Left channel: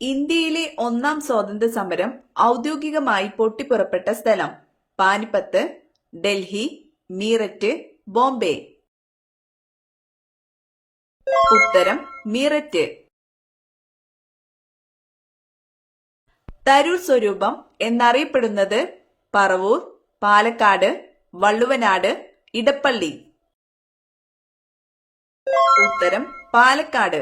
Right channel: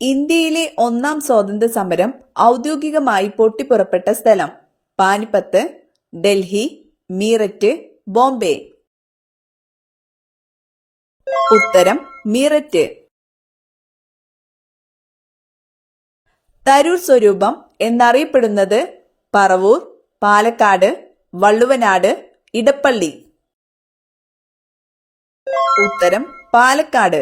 ഇന്ത്യയിലെ ഒന്നാം സ്വാതന്ത്ര്യ സമരം ഔദ്യോഗികമായി പൊട്ടിപ്പുറപ്പെട്ട സ്ഥലം: പാനിപ്പത്ത്, ഡൽഹി, മീററ്റ്, ബോംബെ. ഉത്തരം മീററ്റ്. തരൂർ സ്വരൂപം എന്നറിയപ്പെടുന്നത്: പറവൂർ, പാലക്കാട്, വള്ളുവനാട്, ഇടപ്പള്ളി. ഉത്തരം പാലക്കാട്.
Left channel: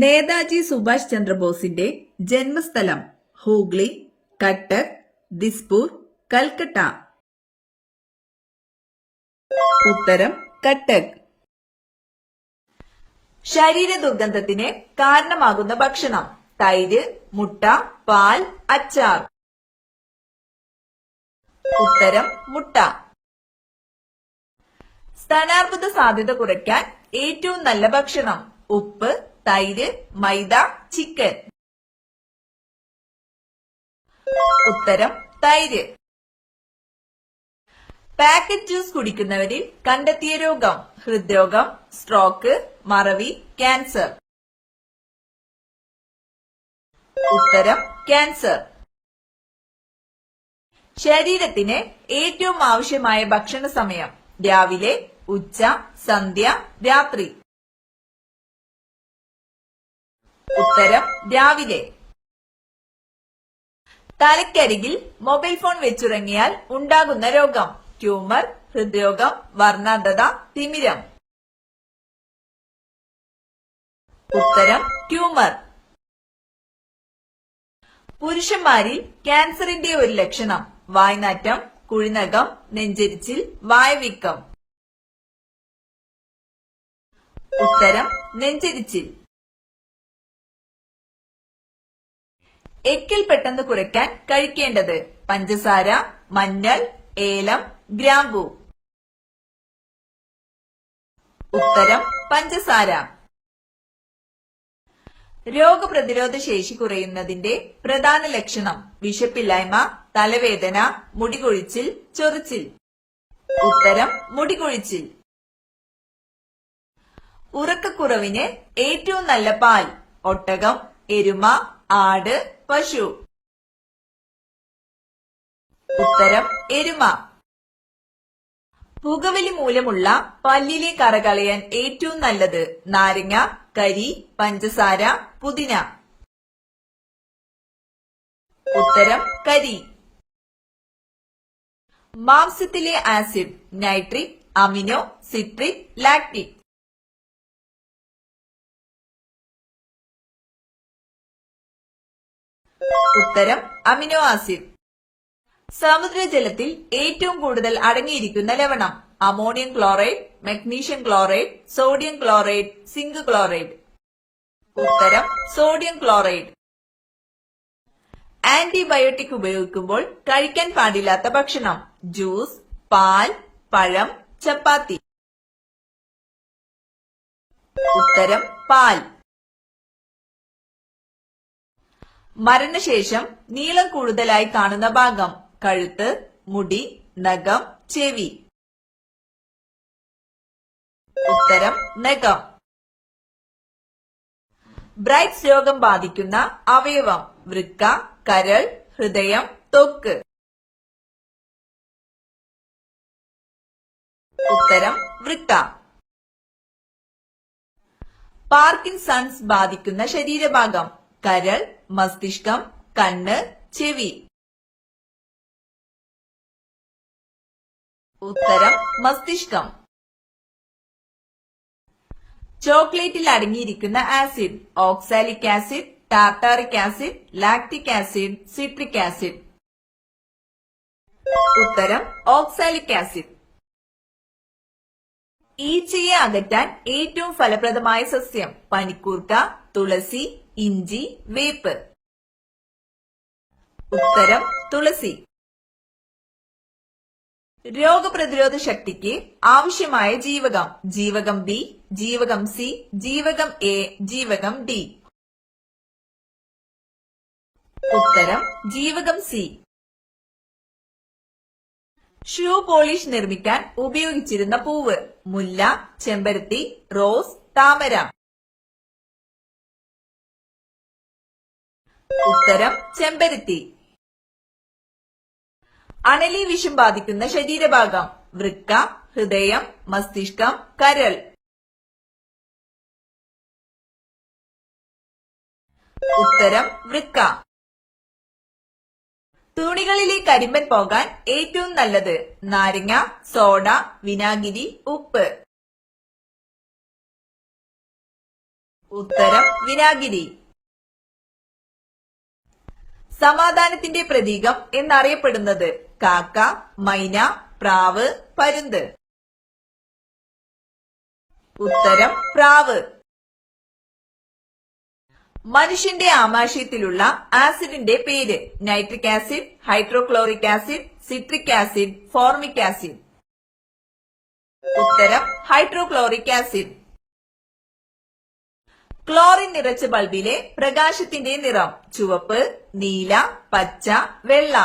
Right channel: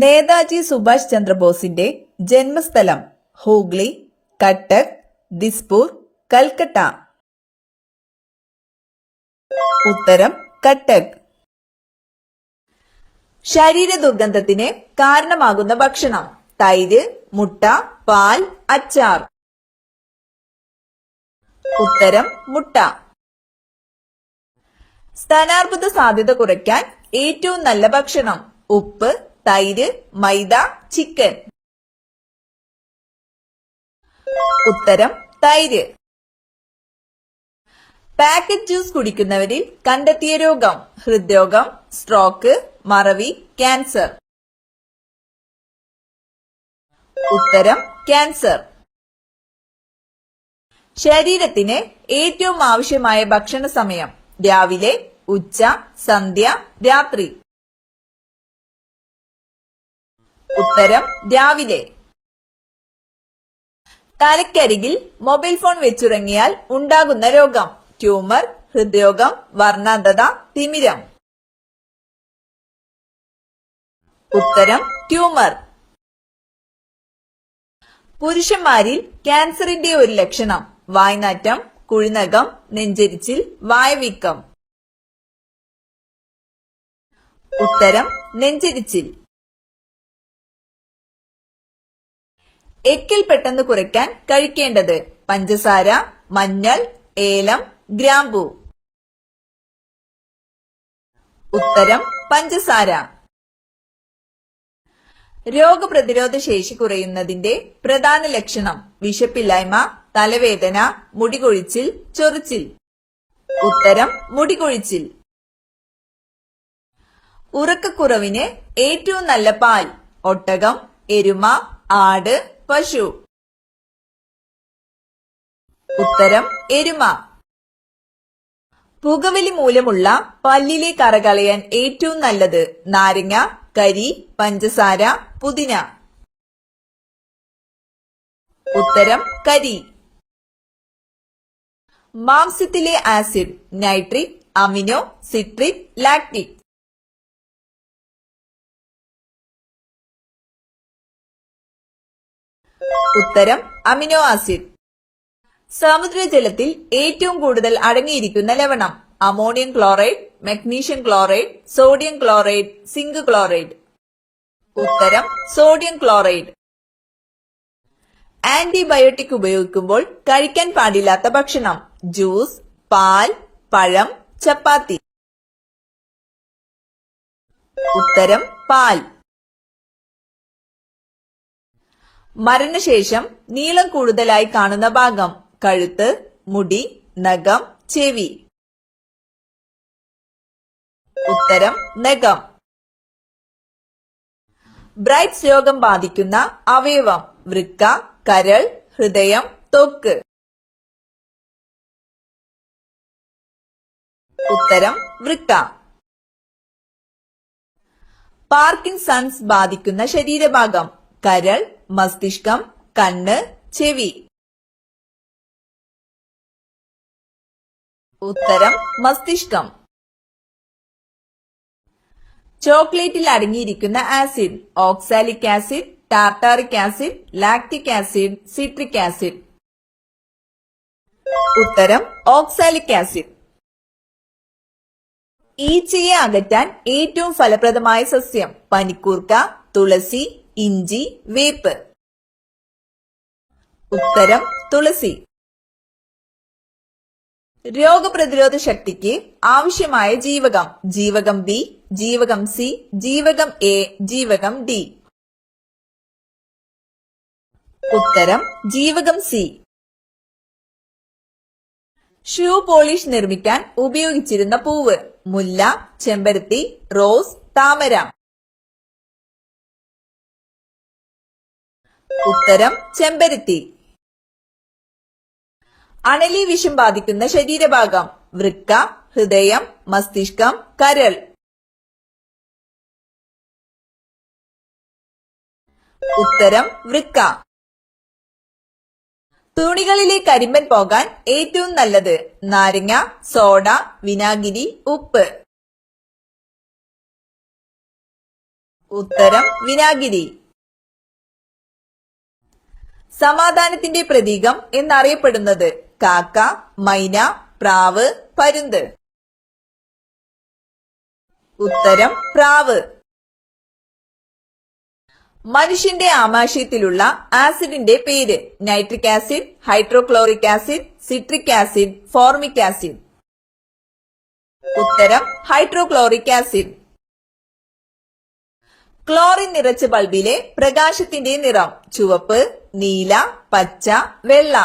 നേതാജി സുഭാഷ് ചന്ദ്രബോസിന്റെ ജന്മസ്ഥലം: ഹൂഗ്ലി, കട്ടക്, ദിസ്പൂർ, കൽക്കട്ട. ഉത്തരം കട്ടക്. ശരീര ദുർഗന്ധത്തിന് കാരണമാകുന്ന ഭക്ഷണം: തൈര്, മുട്ട, പാൽ, അച്ചാർ. ഉത്തരം മുട്ട. സ്ഥാനാർബുദ സാധ്യത കുറയ്ക്കാൻ ഏറ്റവും നല്ല ഭക്ഷണം: ഉപ്പ്, തൈര്, മൈദ, ചിക്കൻ. ഉത്തരം തൈര്. പാക്കറ്റ് ജ്യൂസ് കുടിക്കുന്നവരിൽ കണ്ടെത്തിയ രോഗം: ഹൃദ്രോഗം, സ്ട്രോക്ക്, മറവി, ക്യാൻസർ. ഉത്തരം ക്യാൻസർ. ശരീരത്തിന് ഏറ്റവും ആവശ്യമായ ഭക്ഷണ സമയം: രാവിലെ, ഉച്ച, സന്ധ്യ, രാത്രി. ഉത്തരം രാവിലെ. തലക്കരികിൽ മൊബൈൽ ഫോൺ വെച്ചുറങ്ങിയാൽ ഉണ്ടാകുന്ന രോഗം: ട്യൂമർ, ഹൃദ്രോഗം, വർണ്ണാന്ധത, തിമിരം. ഉത്തരം ട്യൂമർ. പുരുഷന്മാരിൽ ക്യാൻസറിന്റെ ഒരു ലക്ഷണം: വായ്നാറ്റം, കുഴിനകം, നെഞ്ചെരിച്ചിൽ, വായവീക്കം. ഉത്തരം നെഞ്ചെരിച്ചിൽ. എക്കിൽ പെട്ടെന്ന് കുറയ്ക്കാൻ കഴിക്കേണ്ടത്: പഞ്ചസാര, മഞ്ഞൾ, ഏലം, ഗ്രാമ്പൂ. ഉത്തരം പഞ്ചസാര. രോഗപ്രതിരോധ ശേഷി കുറയുന്നതിന്റെ പ്രധാന ലക്ഷണം: വിശപ്പില്ലായ്മ, തലവേദന, മുടികൊഴിച്ചിൽ, ചൊറിച്ചിൽ. ഉത്തരം മുടികൊഴിച്ചിൽ. ഉറക്കക്കുറവിന് ഏറ്റവും നല്ല പാൽ: ഒട്ടകം, എരുമ, ആട്, പശു. ഉത്തരം എരുമ. പുകവലി മൂലമുള്ള പല്ലിലെ കറ കളയാൻ ഏറ്റവും നല്ലത്: നാരങ്ങ, കരി, പഞ്ചസാര, പുതിന. ഉത്തരം കരി. മാംസ്യത്തിലെ acid: nitric, amino, citric, lactic. ഉത്തരം അമിനോ ആസിഡ്. സമുദ്രജലത്തിൽ ഏറ്റവും കൂടുതൽ അടങ്ങിയിരിക്കുന്ന ലവണം: ammonium chloride, magnesium chloride, sodium chloride, zinc chloride. ഉത്തരം സോഡിയം ക്ലോറൈഡ്. ആന്റിബയോട്ടിക് ഉപയോഗിക്കുമ്പോൾ കഴിക്കാൻ പാടില്ലാത്ത ഭക്ഷണം: ജ്യൂസ്, പാൽ, പഴം, ചപ്പാത്തി. ഉത്തരം പാൽ. മരണശേഷം നീളം കൂടുതലായി കാണുന്ന ഭാഗം: കഴുത്ത്, മുടി, നഖം, ചെവി. ഉത്തരം നഖം. ബ്രൈറ്റ്സ് രോഗം ബാധിക്കുന്ന അവയവം: വൃക്ക, കരൾ, ഹൃദയം, ത്വക്ക്. ഉത്തരം വൃക്ക. പാർക്കിൻസൺസ് ബാധിക്കുന്ന ശരീരഭാഗം: കരൾ, മസ്തിഷ്കം, കണ്ണ്, ചെവി. ഉത്തരം മസ്തിഷ്കം. ചോക്ലേറ്റിൽ അടങ്ങിയിരിക്കുന്ന acid: oxalic acid, tartaric acid, lactic acid, citric acid. ഉത്തരം ഓക്സാലിക് ആസിഡ്. ഈച്ചയെ അകറ്റാൻ ഏറ്റവും ഫലപ്രദമായ സസ്യം: പനിക്കൂർക്ക, തുളസി, ഇഞ്ചി, വേപ്പ്. ഉത്തരം തുളസി. രോഗപ്രതിരോധ ശക്തിക്ക് ആവശ്യമായ ജീവകം: ജീവകം ബി, ജീവകം സി, ജീവകം എ, ജീവകം ഡി. ഉത്തരം ജീവകം സി. ഷൂ പോളിഷ് നിർമ്മിക്കാൻ ഉപയോഗിച്ചിരുന്ന പൂവ്: മുല്ല, ചെമ്പരത്തി, റോസ്, താമര. ഉത്തരം ചെമ്പരത്തി. അണലി വിഷം ബാധിക്കുന്ന ശരീരഭാഗം: വൃക്ക, ഹൃദയം, മസ്തിഷ്കം, കരൾ. ഉത്തരം വൃക്ക. തുണികളിലെ കരിമ്പൻ പോകാൻ ഏറ്റവും നല്ലത്: നാരങ്ങ, സോഡ, വിനാഗിരി, ഉപ്പ്. ഉത്തരം വിനാഗിരി. സമാധാനത്തിന്റെ പ്രതീകം എന്നറിയപ്പെടുന്നത്: കാക്ക, മൈന, പ്രാവ്, പരുന്ത്. ഉത്തരം പ്രാവ്. മനുഷ്യന്റെ ആമാശയത്തിലുള്ള ആസിഡിന്റെ പേര്: nitric acid, hydrochloric acid, citric acid, formic acid. ഉത്തരം ഹൈഡ്രോക്ലോറിക് ആസിഡ്. ക്ലോറിൻ നിറച്ച ബൾബിലെ പ്രകാശത്തിന്റെ നിറം: ചുവപ്പ്, നീല, പച്ച, വെള്ള.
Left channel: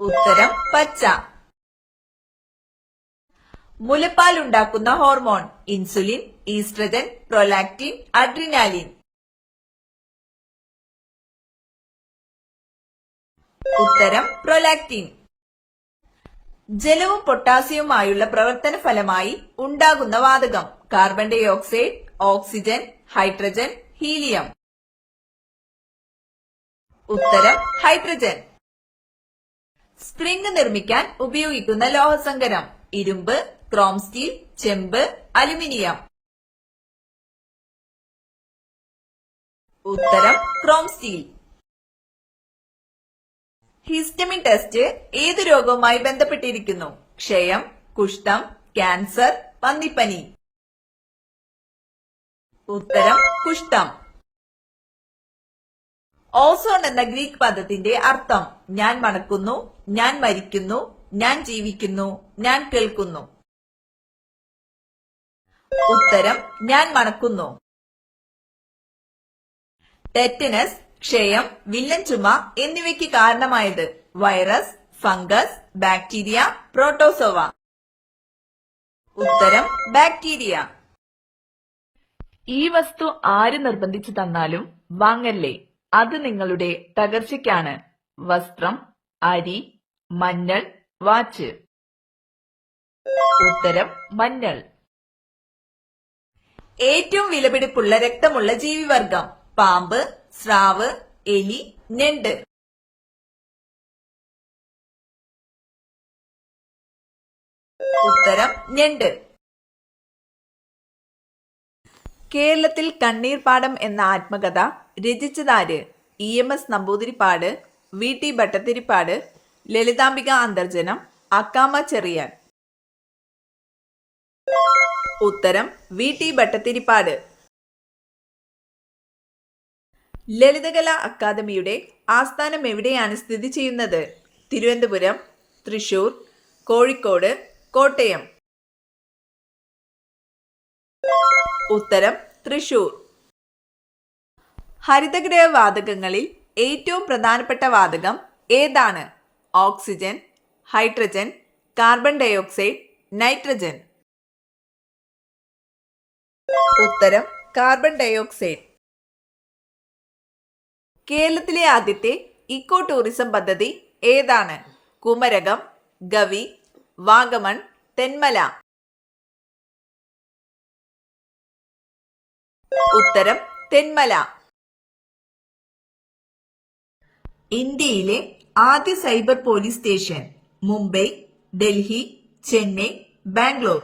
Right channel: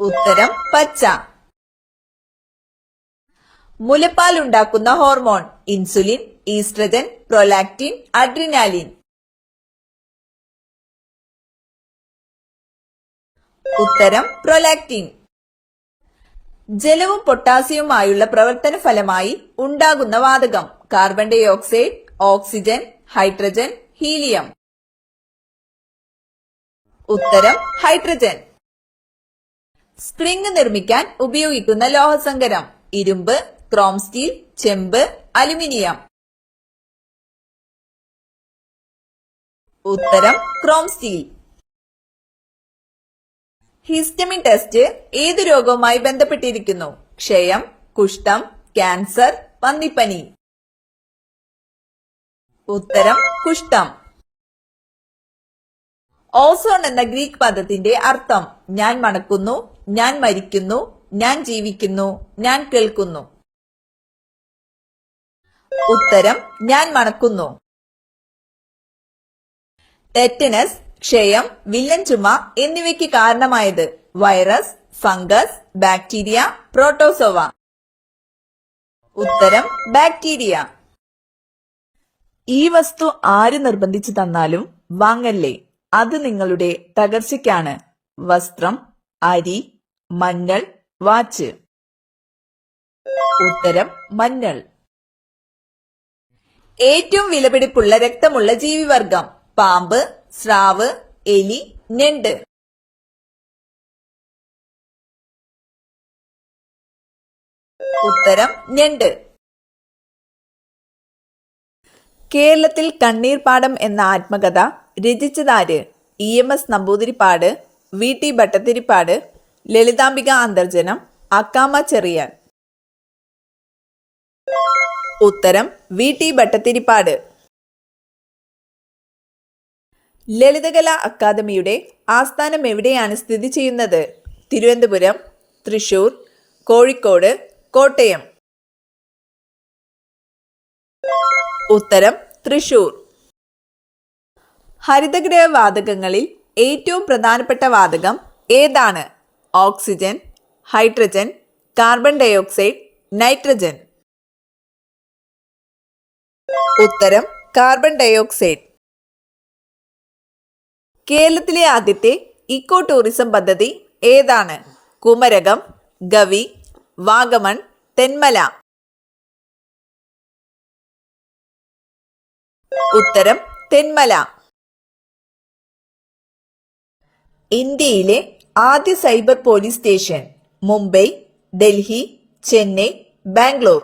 ഉത്തരം പച്ച. മുലപ്പാൽ ഉണ്ടാക്കുന്ന hormone: insulin, oestrogen, prolactin, adrenaline. ഉത്തരം പ്രൊലാക്റ്റിൻ. ജലവും പൊട്ടാസ്യവുമായുള്ള പ്രവർത്തന ഫലമായി ഉണ്ടാകുന്ന വാതകം: carbon dioxide, oxygen, hydrogen, helium. ഉത്തരം ഹൈഡ്രജൻ. സ്പ്രിംഗ് നിർമ്മിക്കാൻ ഉപയോഗിക്കുന്ന ലോഹസങ്കരം: ഇരുമ്പ്, ക്രോം സ്റ്റീൽ, ചെമ്പ്, അലുമിനിയം. ഉത്തരം ക്രോം സ്റ്റീൽ. ഹിസ്റ്റമിൻ ടെസ്റ്റ് ഏതു രോഗവുമായി ബന്ധപ്പെട്ടിരിക്കുന്നു? ക്ഷയം, കുഷ്ഠം, ക്യാൻസർ, പന്നിപ്പനി. ഉത്തരം കുഷ്ഠം. ഓസോൺ എന്ന ഗ്രീക്ക് പദത്തിന്റെ അർത്ഥം: ഞാൻ മണക്കുന്നു, ഞാൻ മരിക്കുന്നു, ഞാൻ ജീവിക്കുന്നു, ഞാൻ കേൾക്കുന്നു. ഉത്തരം ഞാൻ മണക്കുന്നു. ടെറ്റനസ്, ക്ഷയം, വില്ലൻ ചുമ എന്നിവയ്ക്ക് കാരണമായത്: വൈറസ്, ഫംഗസ്, ബാക്ടീരിയ, പ്രോട്ടോസോവ. ഉത്തരം ബാക്ടീരിയ. ഈ വസ്തു ആര് നിർബന്ധിച്ചു തന്നാലും വാങ്ങല്ലേ, അത് നിങ്ങളുടെ തകർച്ചയ്ക്കാണ്: വസ്ത്രം, അരി, മഞ്ഞൾ, വാച്ച്. ഉത്തരം മഞ്ഞൾ. ഏറ്റവും വിലപിടിപ്പുള്ള രക്തമുള്ള ജീവിവർഗം: പാമ്പ്, സ്രാവ്, എലി, ഞണ്ട്. ഉത്തരം ഞണ്ട്. കേരളത്തിൽ കണ്ണീർപ്പാടം എന്ന ആത്മകഥ രചിച്ചതാര്? EMS Namboodiripad, VT Bhattathiripad, Lalithambika Antharjanam, Akkamma Cherian. ഉത്തരം VT ഭട്ടതിരിപ്പാട്. ലളിതകലാ അക്കാദമിയുടെ ആസ്ഥാനം എവിടെയാണ് സ്ഥിതി ചെയ്യുന്നത്? തിരുവനന്തപുരം, തൃശൂർ, കോഴിക്കോട്, കോട്ടയം. ഉത്തരം തൃശൂർ. ഹരിതഗ്രഹ വാതകങ്ങളിൽ ഏറ്റവും പ്രധാനപ്പെട്ട വാതകം ഏതാണ്? Oxygen, hydrogen, carbon dioxide, nitrogen. ഉത്തരം കാർബൺ ഡൈ ഓക്സൈഡ്. കേരളത്തിലെ ആദ്യത്തെ ഇക്കോ ടൂറിസം പദ്ധതി ഏതാണ്? കുമരകം, ഗവി, വാഗമൺ, തെന്മല. ഉത്തരം തെന്മല. ഇന്ത്യയിലെ ആദ്യ cyber police station: Mumbai, Delhi, Chennai, Bangalore.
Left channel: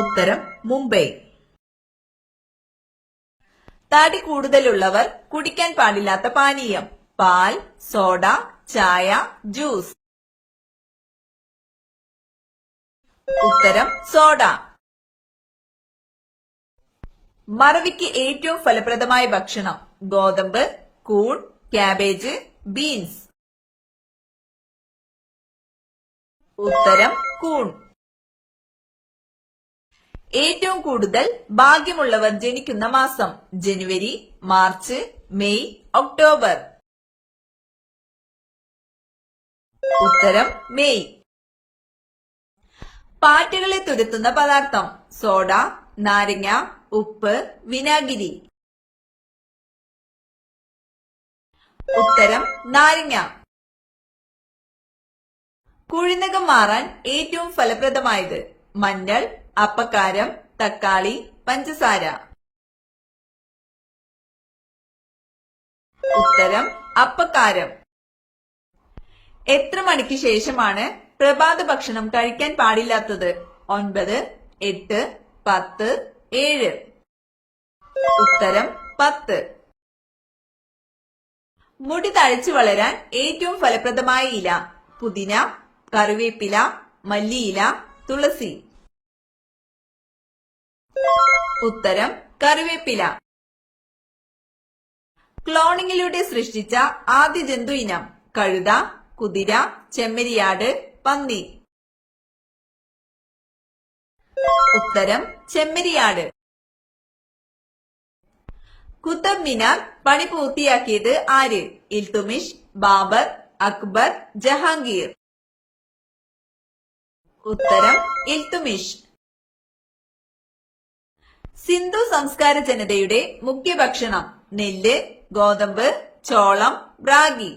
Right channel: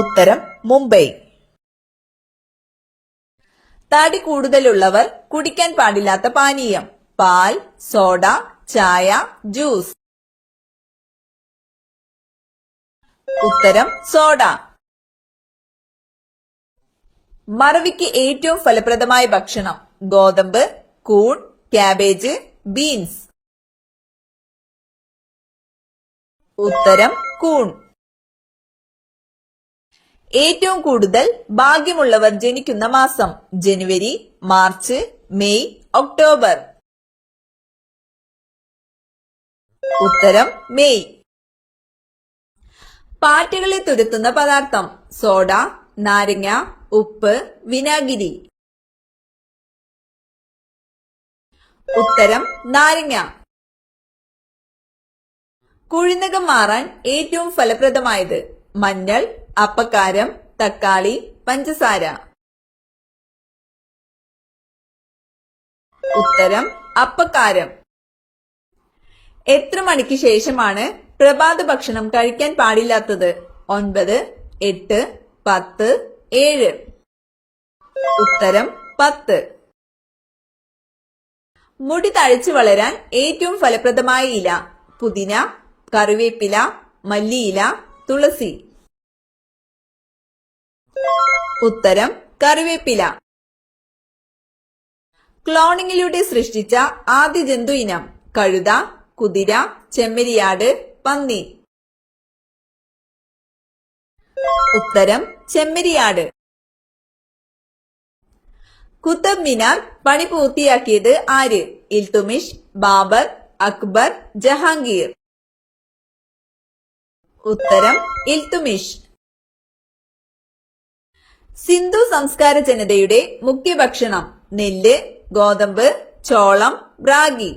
ഉത്തരം മുംബൈ. തടി കൂടുതലുള്ളവർ കുടിക്കാൻ പാടില്ലാത്ത പാനീയം: പാൽ, സോഡ, ചായ, ജ്യൂസ്. ഉത്തരം സോഡ. മറവിക്ക് ഏറ്റവും ഫലപ്രദമായ ഭക്ഷണം: ഗോതമ്പ്, കൂൺ, ക്യാബേജ്, ബീൻസ്. ഉത്തരം കൂൺ. ഏറ്റവും കൂടുതൽ ഭാഗ്യമുള്ളവർ ജനിക്കുന്ന മാസം: ജനുവരി, മാർച്ച്, മെയ്, ഒക്ടോബർ. ഉത്തരം മെയ്. പാറ്റകളെ തുരത്തുന്ന പദാർത്ഥം: സോഡ, നാരങ്ങ, ഉപ്പ്, വിനാഗിരി. ഉത്തരം നാരങ്ങ. കുഴിനകം മാറാൻ ഏറ്റവും ഫലപ്രദമായത് മഞ്ഞൾ, അപ്പക്കാരം, തക്കാളി, പഞ്ചസാര. ഉത്തരം അപ്പക്കാരം. എത്ര മണിക്ക് ശേഷമാണ് പ്രഭാത ഭക്ഷണം കഴിക്കാൻ പാടില്ലാത്തത്? 9, 8, 10, 7. ഉത്തരം 10. മുടി തഴച്ചു വളരാൻ ഏറ്റവും ഫലപ്രദമായ ഇല പുതിന, കറിവേപ്പില, മല്ലിയില, തുളസി. ഉത്തരം കറിവേപ്പില. ക്ലോണിങ്ങിലൂടെ സൃഷ്ടിച്ച ആദ്യ ജന്തു ഇനം കഴുത, കുതിര, ചെമ്മരിയാട്, പന്നി. ഉത്തരം ചെമ്മരിയാട്. കുത്തബ് മിനാർ പണി പൂർത്തിയാക്കിയത് ആര്? ഇൽതുമിഷ്, ബാബർ, അക്ബർ, ജഹാംഗീർ. ഉത്തരം ഇൽതുമിഷ്. സിന്ധു സംസ്കാര ജനതയുടെ മുഖ്യ ഭക്ഷണം നെല്ല്, ഗോതമ്പ്, ചോളം, റാഗി.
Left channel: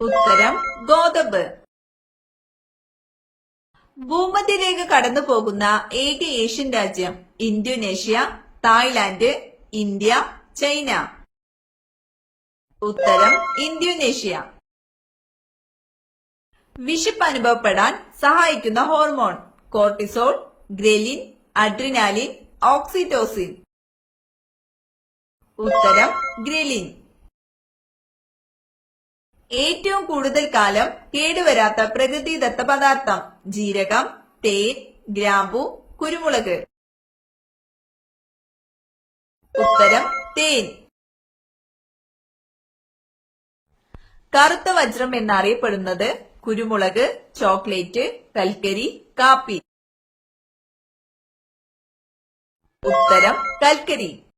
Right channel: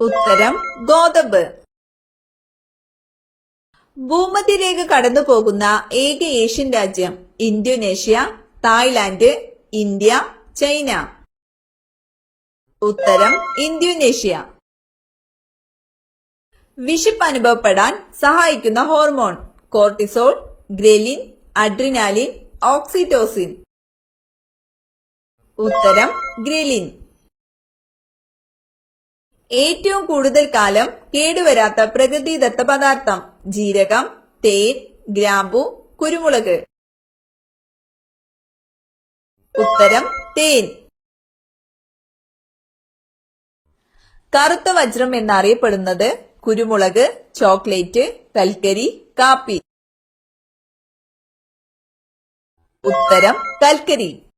ഉത്തരം ഗോതമ്പ്. ഭൂമധ്യരേഖ കടന്നു പോകുന്ന ഏക ഏഷ്യൻ രാജ്യം ഇന്തോനേഷ്യ, തായ്ലാന്റ്, ഇന്ത്യ, ചൈന. ഉത്തരം ഇന്തോനേഷ്യ. വിശപ്പ് അനുഭവപ്പെടാൻ സഹായിക്കുന്ന ഹോർമോൺ കോർട്ടിസോൾ, ഗ്രേലിൻ, അഡ്രിനാലിൻ, ഓക്സിറ്റോസിൻ. ഉത്തരം ഗ്രേലിൻ. ഏറ്റവും കൂടുതൽ കാലം കേടുവരാത്ത പ്രകൃതിദത്ത പദാർത്ഥം ജീരകം, തേൻ, ഗ്രാമ്പു, കുരുമുളക്. ഉത്തരം തേൻ. കറുത്ത വജ്രം എന്നറിയപ്പെടുന്നത് കുരുമുളക്, ചോക്ലേറ്റ്, കൽക്കരി, കാപ്പി. ഉത്തരം കൽക്കരി.